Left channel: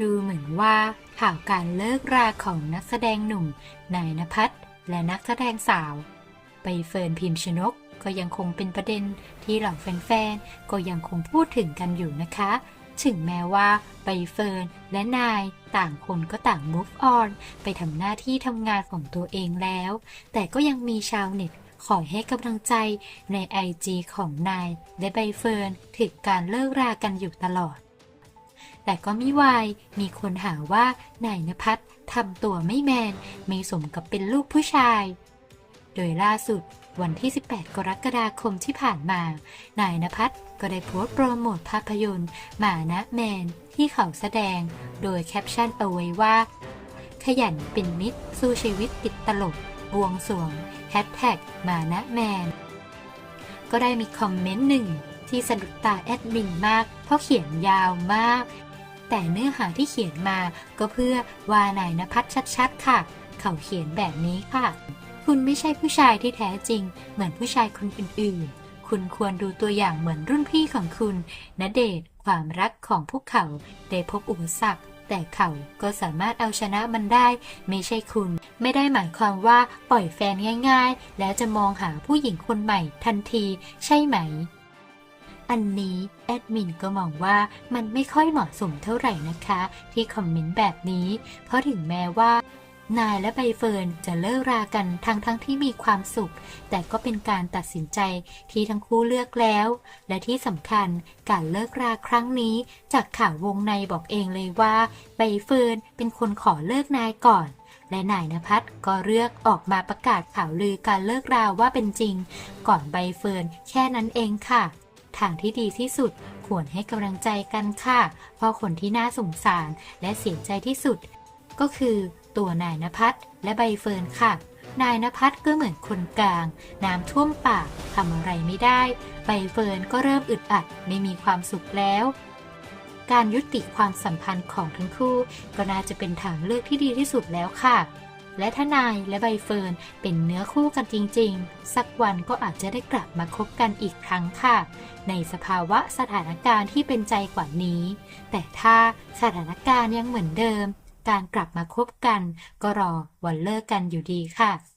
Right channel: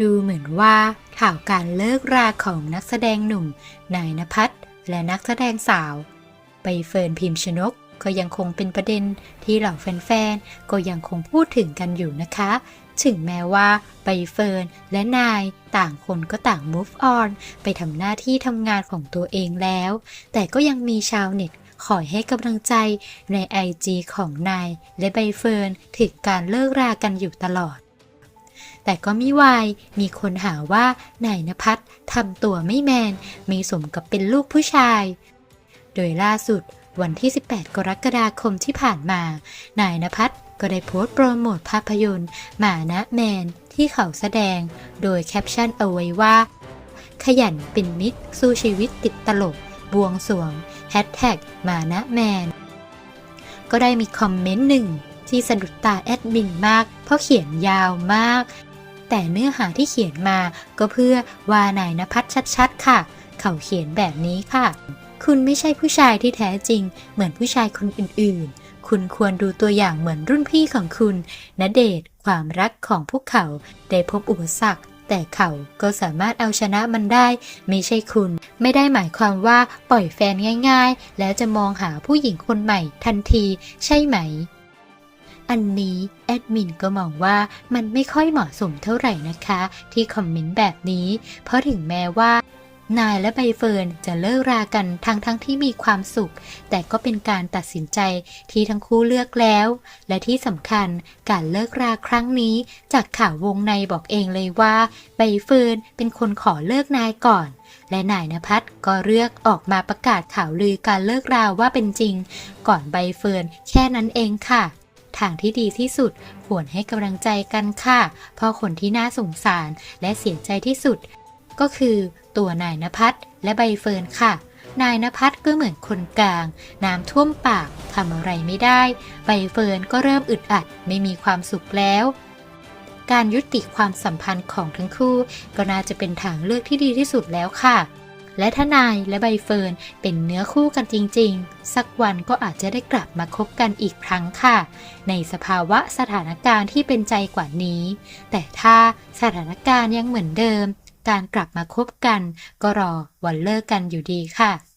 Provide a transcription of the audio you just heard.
ดูเหมือนว่าข่าวการเลิกราของนักแสดงหนุ่มนายนภัสและนักแสดงสาวใบเฟิร์นพิมพ์ชนกก็ยังคงเป็นประเด็นที่เหล่าแฟนๆ ก็ยังคงพูดถึงกันอยู่นะคะ ถึงแม้ว่าใบเฟิร์นและนายต่างคนก็ต่าง move on ไปทำหน้าที่ทำงานของตัวเองแล้ว แต่ก็ยังมีชาวเน็ตคอยให้กำลังใจใน IG ของนายและใบเฟิร์นถึงการเลิกรากันอยู่ตลอด แต่ก็ไม่วายมีคนหาว่านายนภัสทำตัวไม่แมน ไม่สมกับเป็นลูกผู้ชาย โดยล่าสุดวันที่ 18 กรกฎาคมที่ผ่านมา นายนภัสก็ได้โพสต์โปรโมทภาพยนตร์หมานะแมนที่เขาแสดง โดยแคปชั่นเอาไว้ว่า ขยันเป็นมิตรสู้ชีวิตติดตลก บวงสวงแฮชแท็กมานะแมน ก็ได้มีคอมเมนต์หนึ่งที่สะดุดตาแอดมินมาก เพราะเขียนยาวมาก แต่เนื้อหาที่เขียนมาก็เพื่อว่านายนภัสชัดๆ ค่ะ เขาเขียนแบบนี้ค่ะ คุณไม่ใช่ผู้ชายที่แท้จริง เหมือนผู้ชายคนอื่นๆ คุณควรดูตัวอย่างเหมือนรุ่นพี่ของคุณณเดชความรักของพวกเขาได้พบอุปสรรคแต่เขาก็สามารถเอาชนะมันได้ ไม่ใช่คุณ ไม่ได้หมายความว่าปล่อยแฟนง่าย ๆ แล้วจะมองหาผู้หญิงคนใหม่ทันที ใช่ไหม อันนี้แอดมินก็มองว่ามันไม่ค่อยเหมาะสมเท่าไหร่นะคะ ที่คอมเมนต์แบบนี้ เพราะถึงแม้ว่านายและใบเฟิร์นจะเลิกรากันทั้งทั้งที่มีความสุข แต่ก็เป็นการตัดสินใจที่ทั้งคู่เลือกแล้ว และที่สำคัญการเลิกราครั้งนี้ จากข่าววงในบอกเองเลยว่า ใบเฟิร์นเป็นคนขอเลิกนายก่อน และนายนภัสก็เลือกออกมาประกาศข่าวลือการเลิกราว่าเป็นจริง ก่อนใบเฟิร์นแค่นั้นเองค่ะ ทางที่ดีที่สุดควรให้กำลังใจกันค่ะ เพราะคนที่น่าสงสารและเสียใจที่สุด ก็คือตัวนายนภัสและใบเฟิร์นค่ะ นายนภัสก็เหมือนคนกลาง น้ำท่วมปากทำอะไรไม่ได้ ใบเฟิร์นก็เริ่มอึดอัดไม่มีความสุขแล้วการยุติความสัมพันธ์ของทั้งคู่ ก็น่าจะเป็นทางเลือกที่ดีที่สุดแล้วค่ะ และทนายและใบเฟิร์นเป็นเนื้อคู่กันจริง ๆ สักวันก็อาจจะได้กลับมาคบกันอีกครั้งค่ะ ในสภาวะสถานการณ์ที่เป็นใจกว่านี้ แต่ถ้าสถานการณ์ยังเหมือนเดิม การกลับมาคบกัน ก็รอวันเลิกกันอยู่ดีค่ะ